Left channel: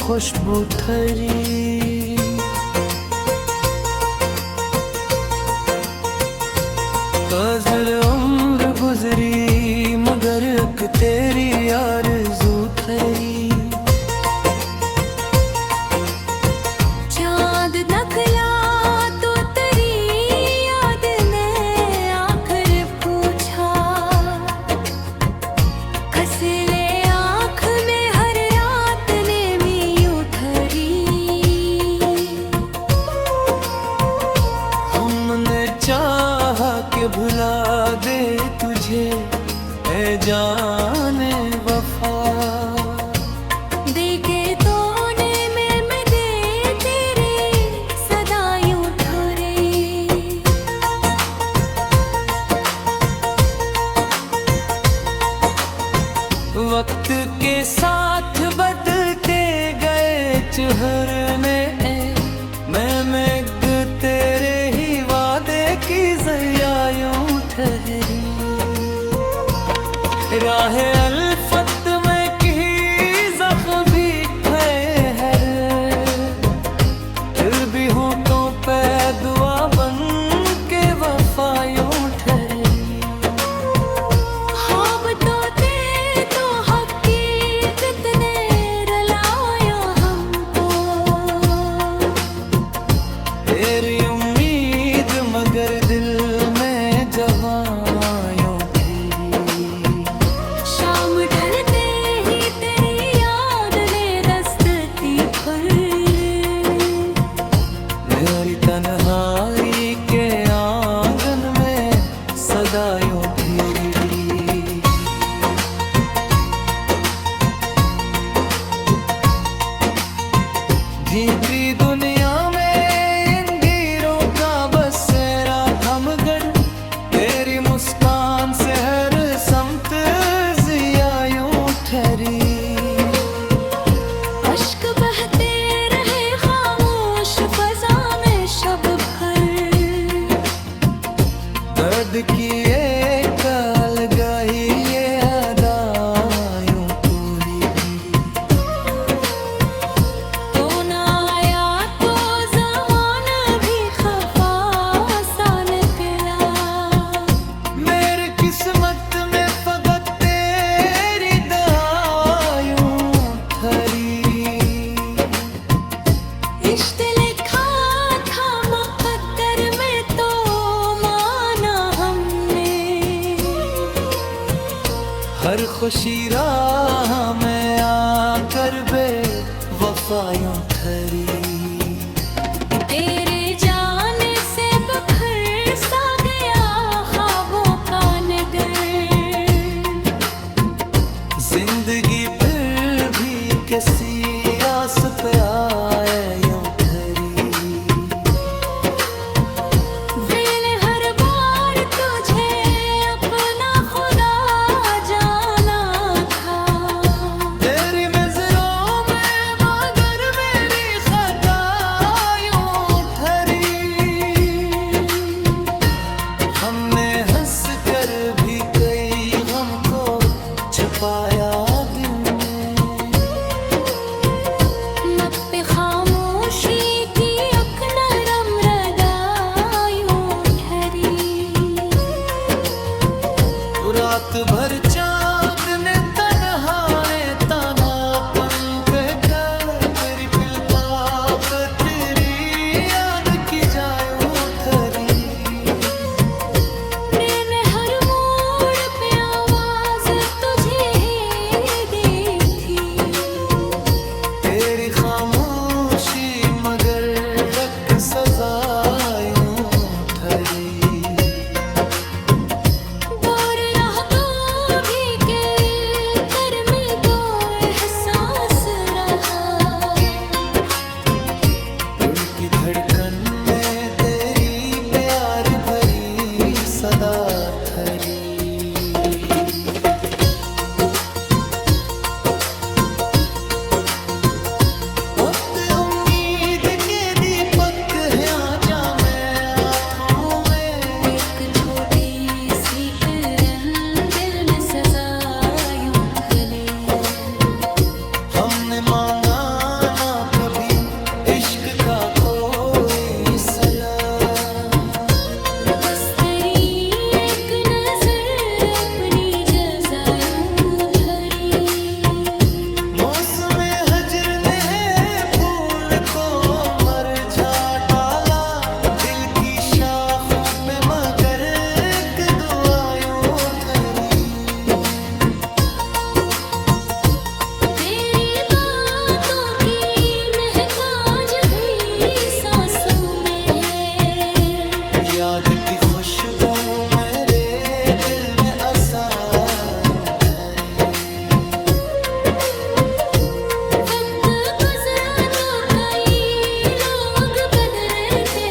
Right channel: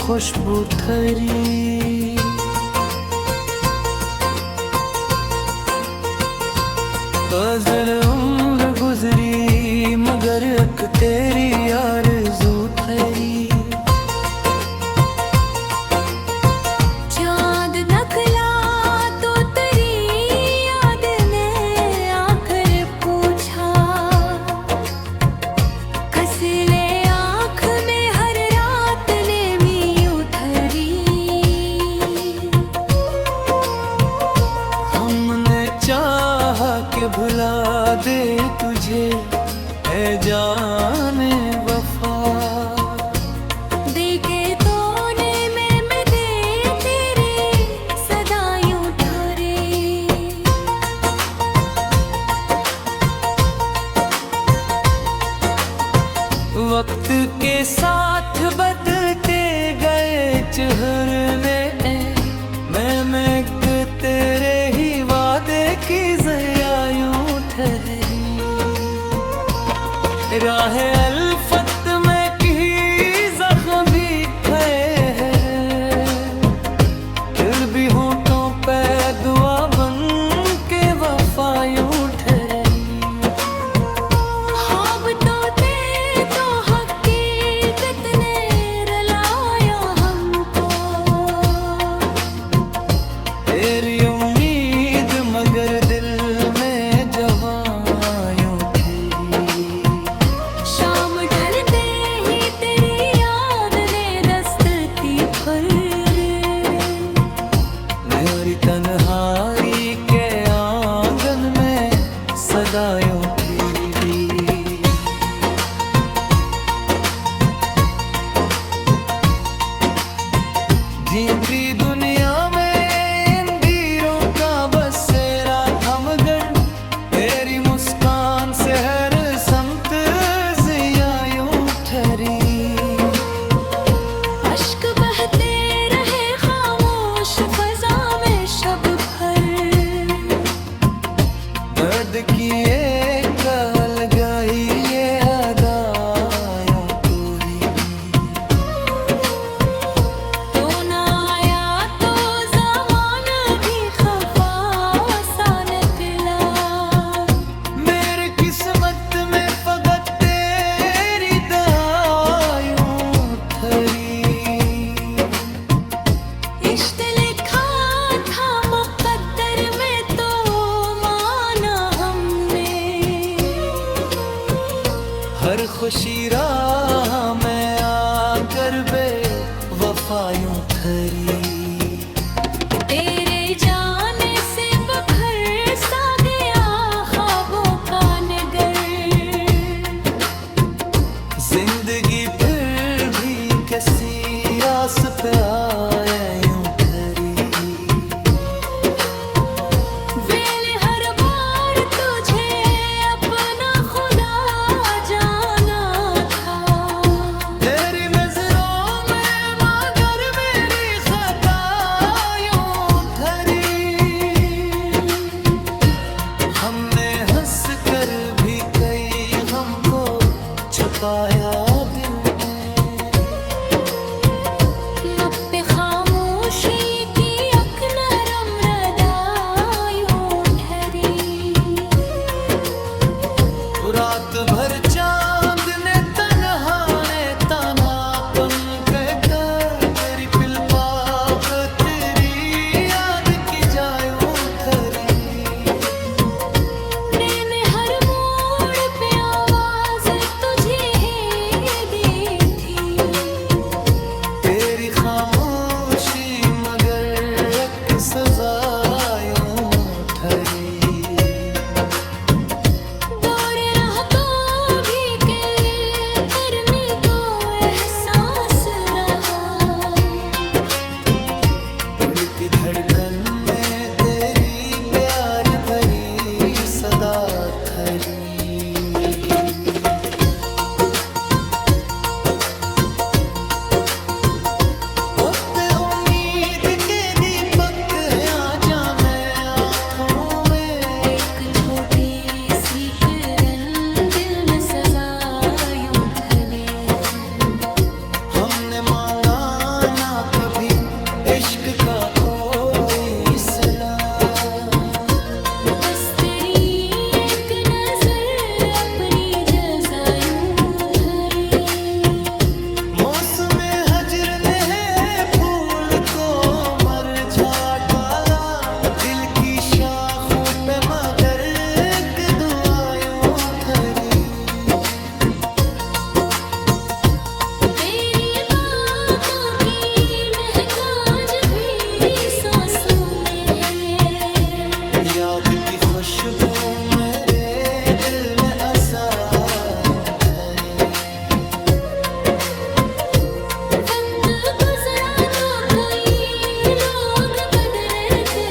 खुशबू थरी। ग़ज़ल उम्र गुजरी मगर एक तेरी आरज़ू थरी। चाँद नकला तो तेरी याद ने आखिर पूछा, कसले आँख में हर रात ने भी यूं ठहरी। हमने चाहा कि भुला दे तुझे ऐ जाने वफा, देखे तोने में मैं दे तेरे सदा यूं ठहरे। वक्त के साथ बदलते गए चेहरे, मैं तेरे ही वादे की ज़रिया यूं ठहरी। राह अल्फत में की ज़ख्म भी ठहर, फिर भी होठों पे दुआ बन के वफा यूं ठहरी। ख्वाब तोते तो हकीकत ने रुलाया हमको, तेरी उम्मीद मगर दिल में जवां यूं खिली। शाम ढलते ही तेरी याद ने दस्त दी भर। मेरी तन्हाई के आंगन में सदा यूं फिरी। भीतरी दुनिया में इंदीरों का बसेरा थमगर, तेरी मुस्कान से हर समत ज़िया यूं ठहरी। अश्क बहते रहे खामोश फज़ा में शब भर, दर्द की एक अलगाही ये अदा यूं पूरी। तो ना आया तो ज़माना भी खफा सा निकला। मेरी किस्मत में फकत तेरी दया यूं ठहरी। इश्क लिखा था मुक़द्दर में तो माना हमने, हर खुशी राह में आकर बे वफा यूं ठहरी। तेरे जाने से बखर सा गया ख्वाबों का नगर। जिंदगी फिर भी किसी आस पे आए यूं ठहरी। दिल हर बार तुझे अपना खुदा जाना था, तेरी नजरों में मगर मेरी खता यूं ठहरी। हमने हंस कर भी कई गम को छुपाया दिल में। लब पे खामोशी की अक नरम रदा यूं ठहरी। रात भर चांद ने तन्हापन पे कर, तेरी पिलपाक तेरी याद की जायूं ठहरी। मैंने हर मोड़ पे आवाज तुझे ही दी थी, तेरी खामोशी मगर एक सजा यूं ठहरी। दूर रह तो भी के गर्मी को एहसास रहा। दिल की धड़कन में तेरी प्यार भरी सदा थरी। वक्त उम्मीद के दीपक है आजा मैं आँखों में। एक छोटी सी किरण दिल में सजा यूं ढले। हमने मांगा इश्क का कोई सलाह। बस तेरी एक नजर अपनी जज़ा यूं धरी। मौसम हजर ने फूल को मरझा डाला, दिल की शाखों पे मगर एक दुआयों थरी। याद की खुशबू मेरे दिल में असायूं ठहरे। वक्त गुजरा तो कई लोग बदले थे।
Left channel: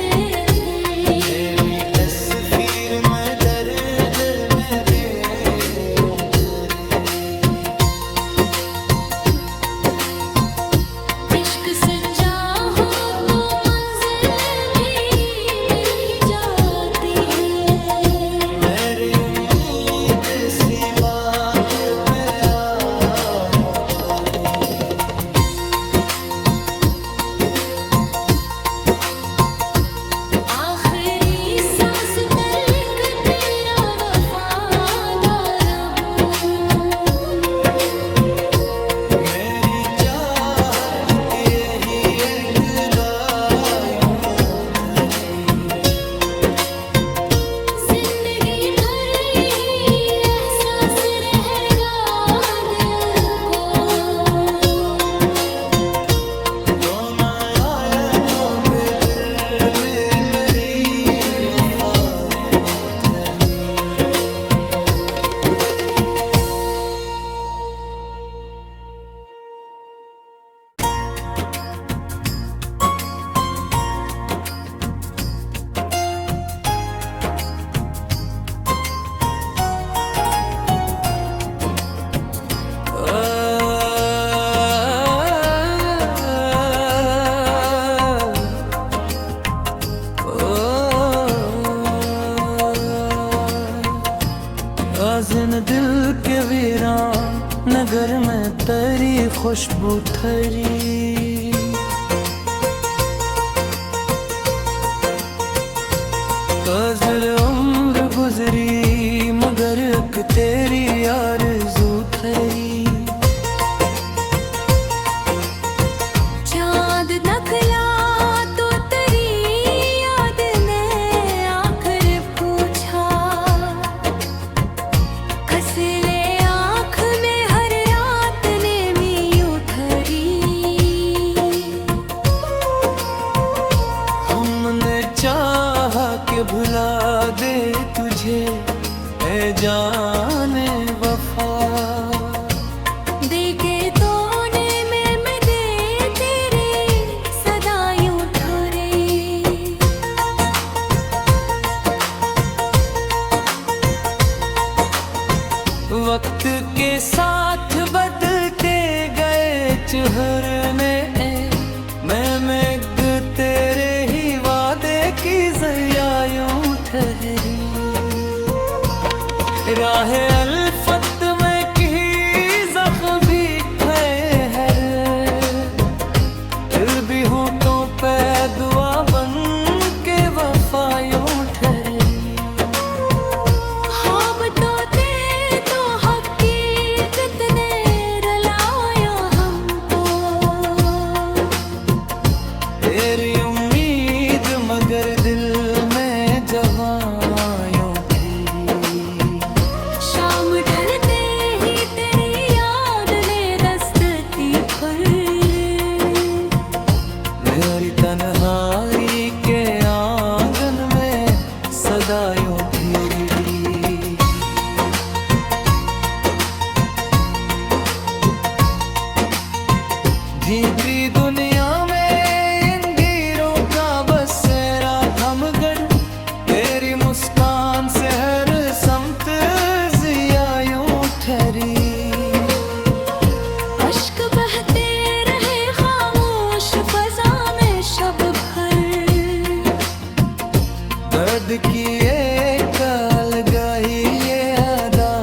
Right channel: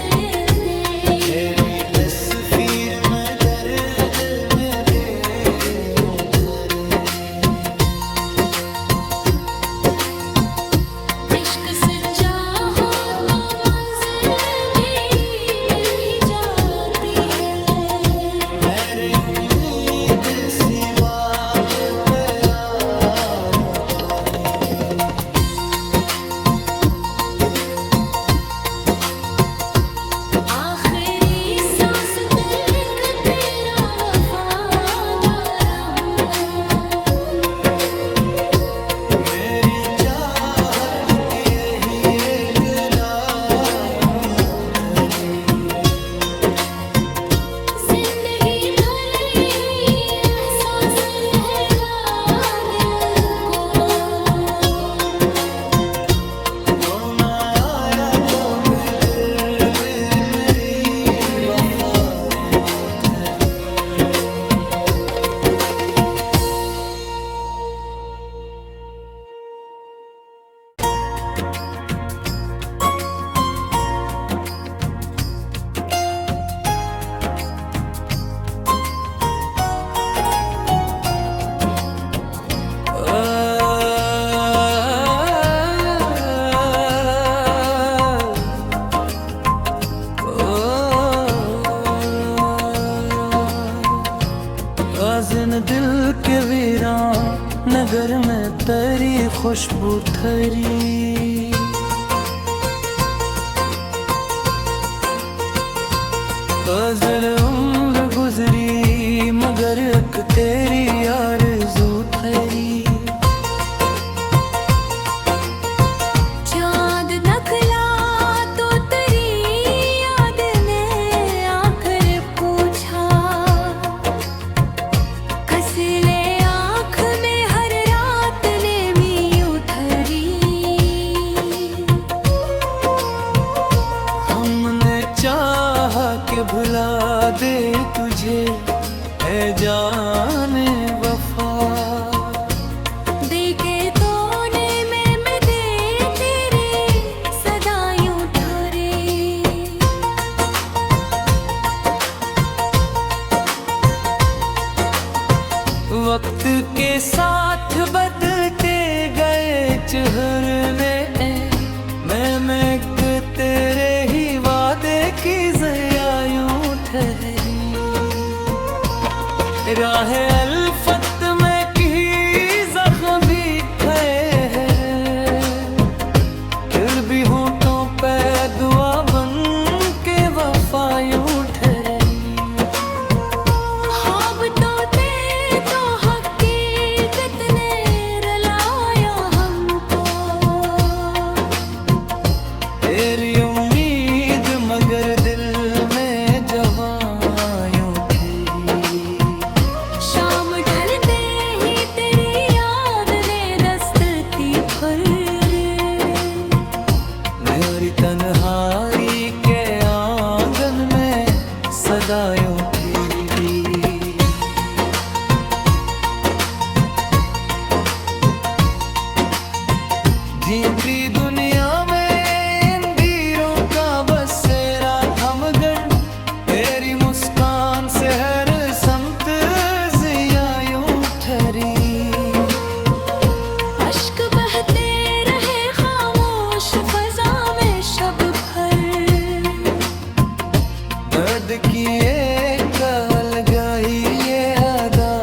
मेरी तस्वीर में दर्द में बेयूं ठहरे। इश्क सच्चा हो आज़िन दिल के वीरान नगर में तेरी खुशबू थरी। गुज़र उम्र गुजरी मगर एक तेरी आरज़ू थरी। चाँद नकला तो तेरी याद ने आकर पूछा। कसले आँख में हर रात ने यूं थरी। हमने चाहा कि भुला दे तुझे ऐ जाने वफा। देखे तोने में मैं दे तेरे सदा यूं ठहरे। वक्त के साथ बदलते गए चेहरे, मैं तेरे ही वादे की ज़या यूं ठहरी। राह अल्फत में की ज़ख्म भी है, फिर भी होठों पे दुआ बन के वफा यूं ठहरी। ख्वाब तोते तो हकीकत ने रुलाया हमको। तेरी उम्मीद मगर दिल में जवां यूं थी। शाम ढलते ही तेरी याद ने दस्तकी भर। मेरी तन्हाई के आंगन में सदा यूं फिरी। भीतरी दुनिया में इंदीरों का बसेरा थमगर, तेरी मुस्कान से हर समत ज़िया यूं ठहरी। अश्क बहते रहे खामोश फज़ा में शब भर। दर्द की एक अलगाही ये अदा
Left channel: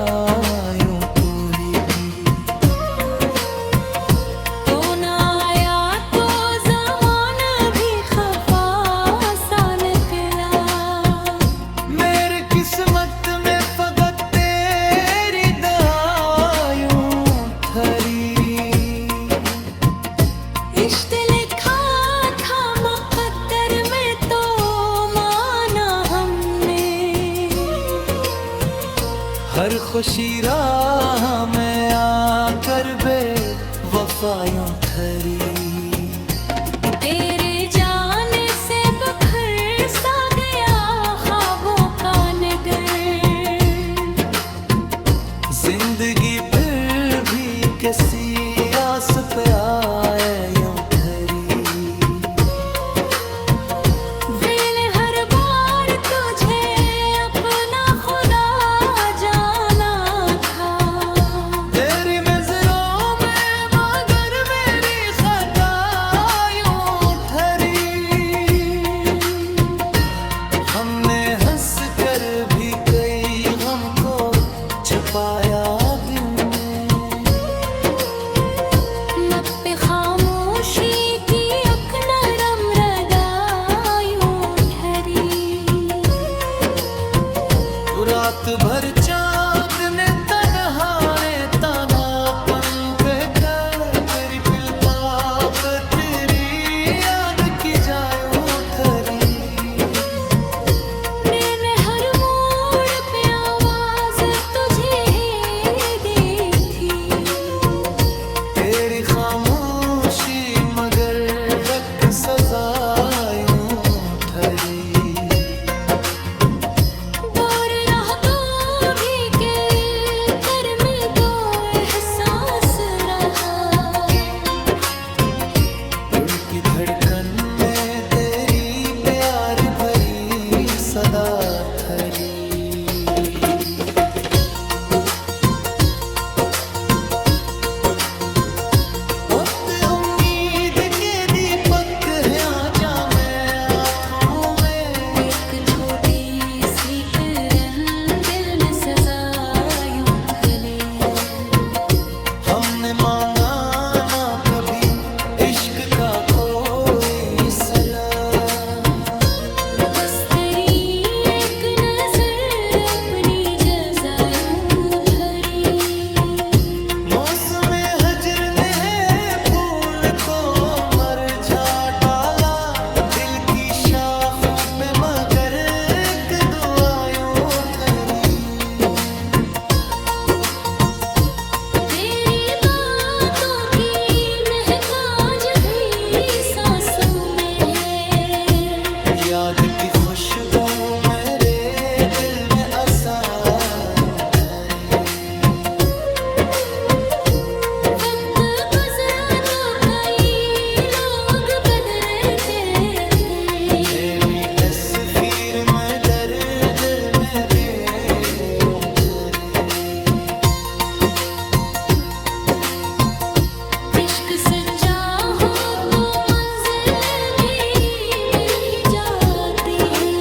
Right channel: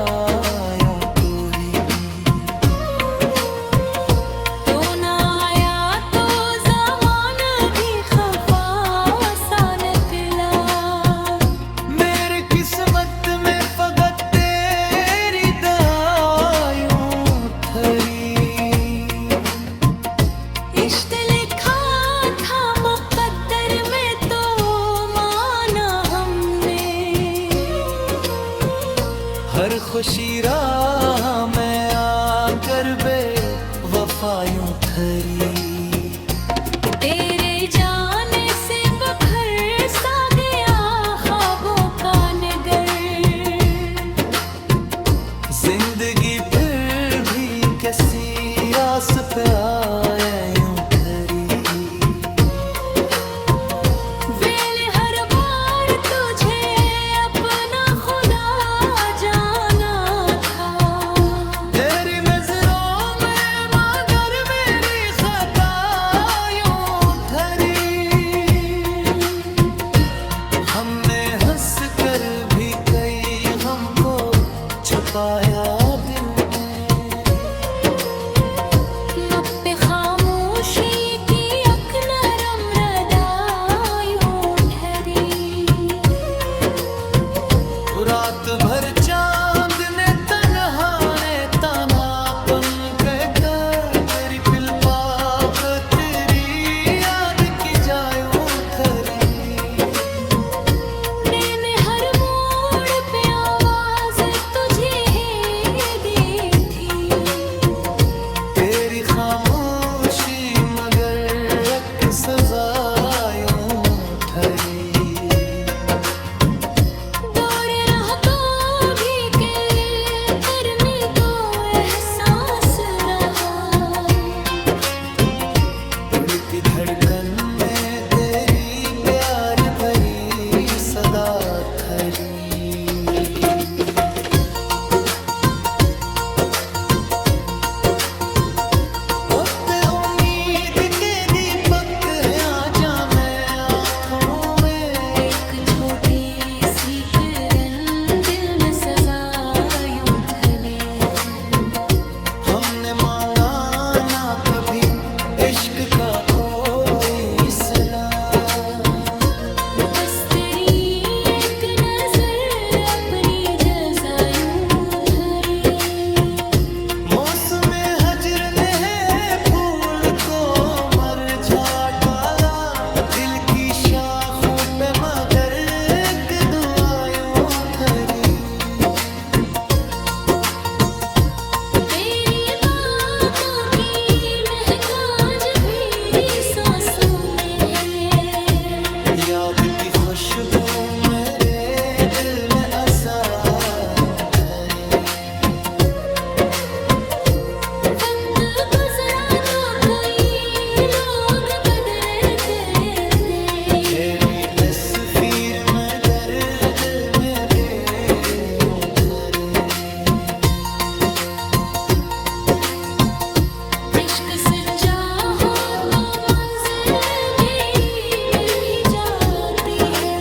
यूं पूरी। तो ना आया तो ज़माना हर खुशी राह में आकर बे वफायूं ठहरी। तेरे जाने से बखर सा गया ख्वाबों का नगर। जिंदगी फिर भी किसी आस पे आए यूं ठहरी। मैंने हर बार तुझे अपना खुदा जाना था। तेरी नजरों में मगर मेरी खता यूं ठहरी। हमने हंस कर भी कई गम को छुपाया दिल में। लब पे खामोशी की अक नरम रदायूं ठहरी। रात भर चांद ने तन्हापन पे तेरी पिल पाक तेरी याद की जायूं थरी। मैंने हर मोड़ पे आवाज तुझे दी थी। तेरी खामोशी मगर एक सजा यूं ठहरी। दूर रहा तो भी के कर में तो एहसास रहा। दिल की धड़कन में तेरी प्यार भरी सदा थरी। ओते उम्मीद के दीपक है आजा मैं हाथों में। एक छोटी सी किरण दिल में सजा यूं ढले। हमने मांगा ना कभी इश्क का कोई सलाह। बस तेरी एक नजर अपनी जज़ा यूं धरी। मौसम हजर ने फूल को मरझा डाला। दिल की शाखों पे मगर एक दुआयों थरी। तेरी बातों की महक आज भी सांसों में है। याद की खुशबू मेरे दिल में असायूं ठहरे। वक्त गुजरा तो कई लोग बदलते थे। मेरी तस्वीर में दर्द में भी यूं ठहरे। इश्क सच्चा हो तो मंजिल भी मिल ही जाती है।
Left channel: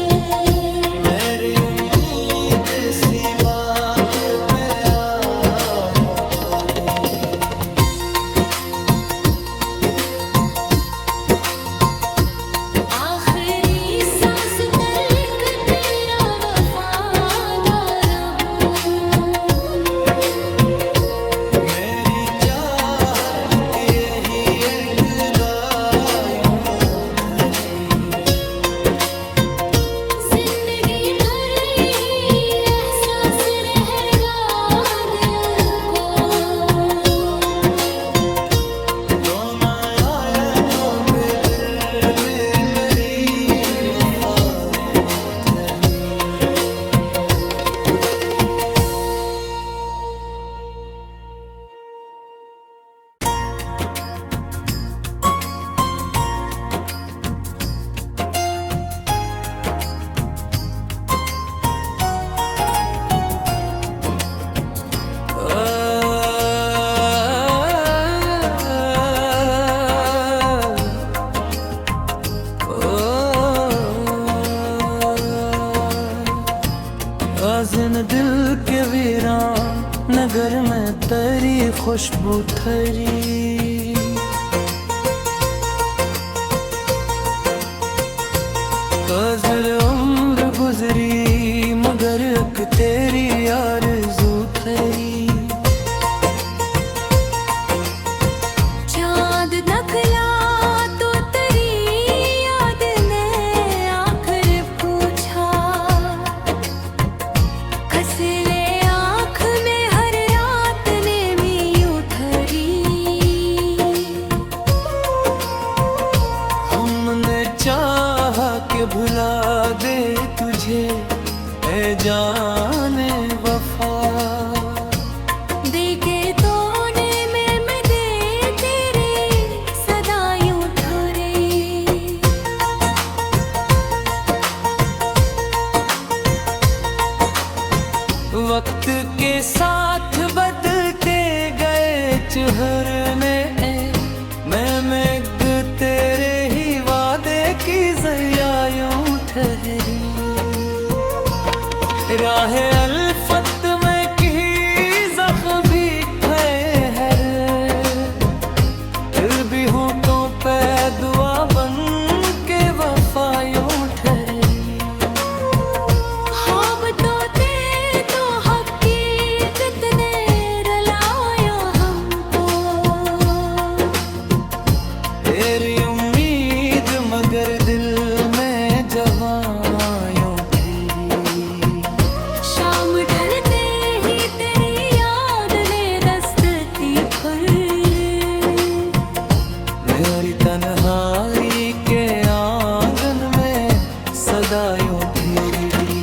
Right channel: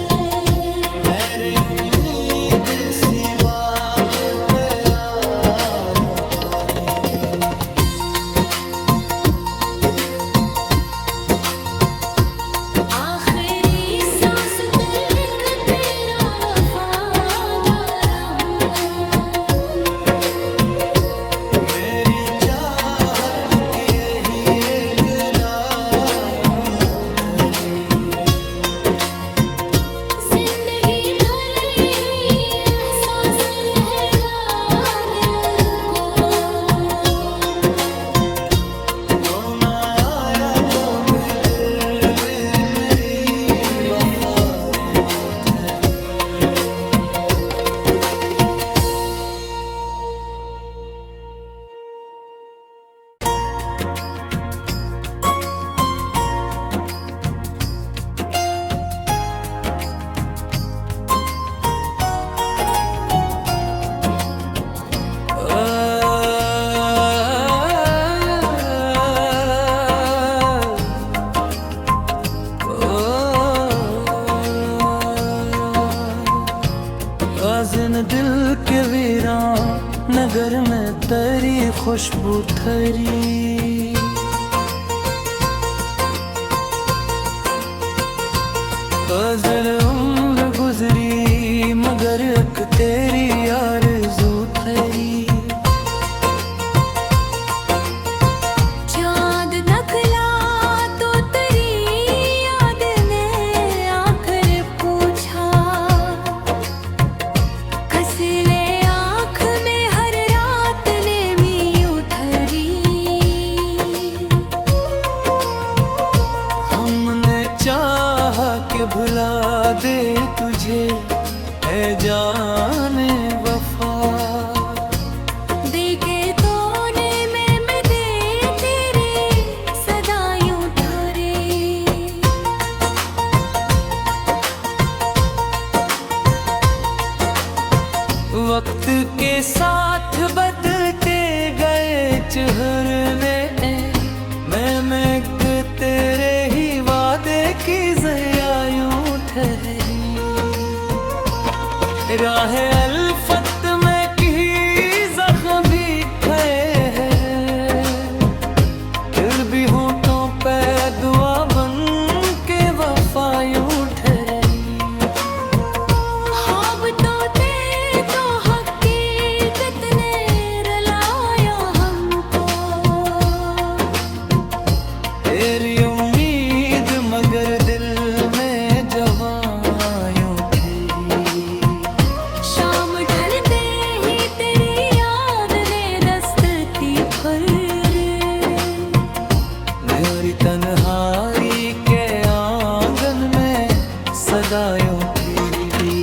मेरी उम्मीद सी बात पे आयूं ठहरी। आखिरी सांस तक तेरा वफादार हूँ। मेरी चाहत की यही एक राह यूं ठहरी। जिंदगी भर यही एहसास रहेगा दिल को। तो ना आया तो भी दिल में मेरी वफा यूं ठहरी। आज़िन दिल के वीरान नगर में तेरी खुशबू थरी। काज़िल उम्र गुजरी मगर एक तेरी आरज़ू थरी। चाँद नकला तो तेरी याद ने आखिर पूछा। कस ले आँख चाह के भुला दे तुझे ऐ जाने वफा। देखे तोने में मैं दे तेरे सदा यूं ठहरे। वक्त के साथ बदलते गए चेहरे मैं तेरे ही वादे की ज़रिया यूं ठहरी। राह अल्फत में की ज़ख्म भी है, फिर भी होठों पे दुआ बन के वफा यूं ठहरी। ख्वाब तोते तो हकीकत ने रुलाया हमको। तेरी उम्मीद मगर दिल में जवां यूं थी। शाम ढलते ही तेरी याद ने दस्तकी भर। मेरी तन्हाई के आंगन में सदा यूं फिरी।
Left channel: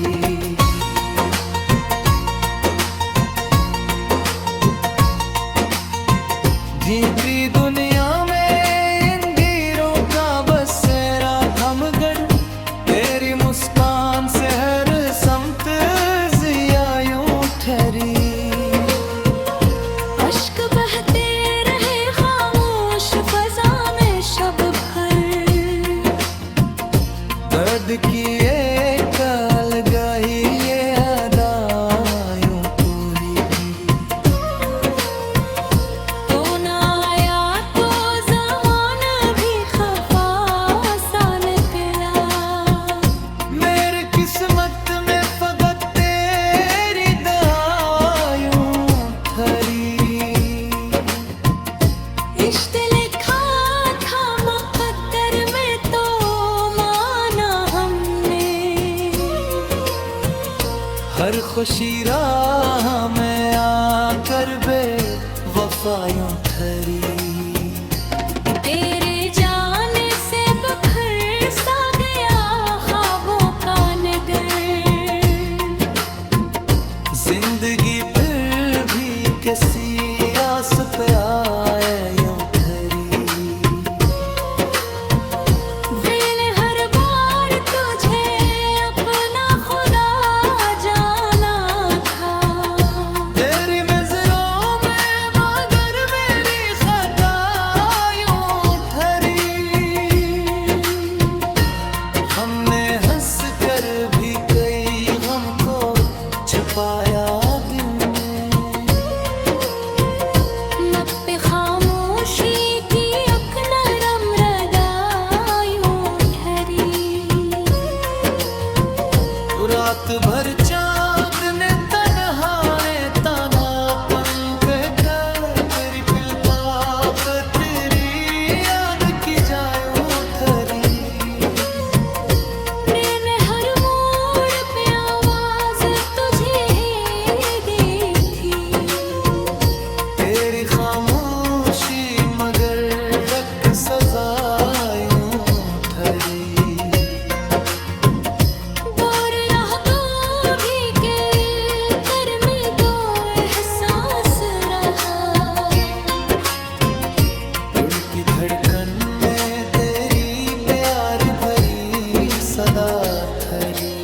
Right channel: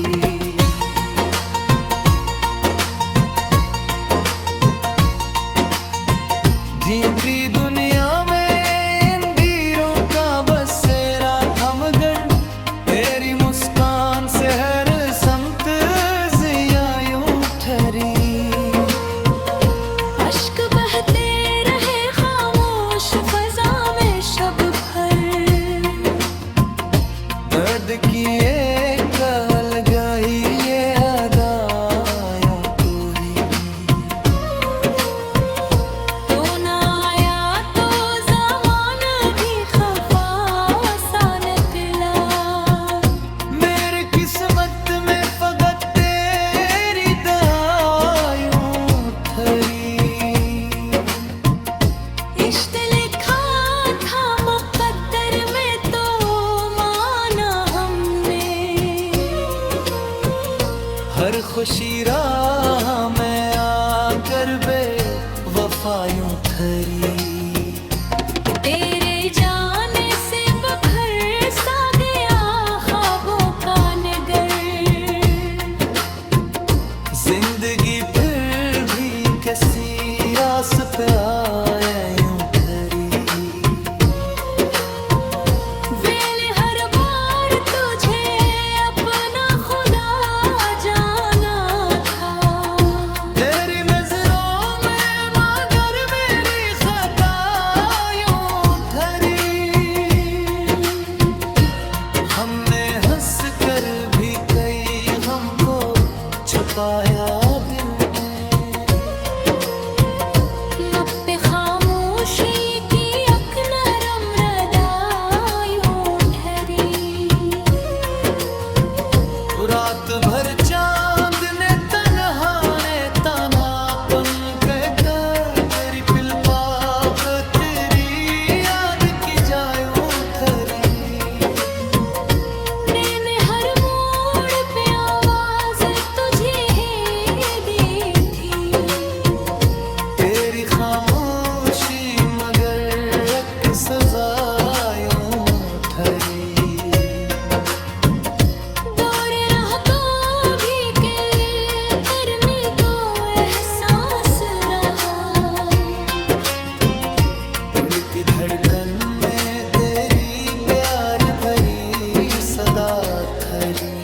झींकती दुनिया में अंधेरों का बसेरा थमगर, तेरी मुस्कान से हर समत ज़िया यूं ठहरी। अश्क बहते रहे खामोश फजा में शब भर। दर्द की एक अलगाही ये अदा यूं पूरी। तो ना आया तो ज़माना भी खफा सा निकला। मेरी किस्मत में फकत तेरी दुआ यूं ठहरी। इश्क लिखा था मुक़द्दर में तो माना हमने। हर खुशी राह में आकर बे वफा यूं ठहरी। तेरे जाने से बखर सा गया ख्वाबों का नगर। जिंदगी फिर भी किसी आस पे आए यूं ठहरी। दिल हर बार तुझे अपना खुदा जाना था। तेरी नजरों में मगर मेरी खता यूं ठहरी। हमने हंस कर भी कई गम को छुपाया दिल में। लब पे खामोशी की अक नरम रदा यूं ठहरी। रात भर चांद ने तन्हापन कहकर तेरी पिलपाक तेरी याद की जायूं ठहरी। मैंने हर मोड़ पे आवाज तुझे ही दी थी। तेरी खामोशी मगर एक सजा यूं ठहरी। दूर रह तो भी के करने को एहसास रहा। दिल की धड़कन में तेरी प्यार भरी सदा ठहरी।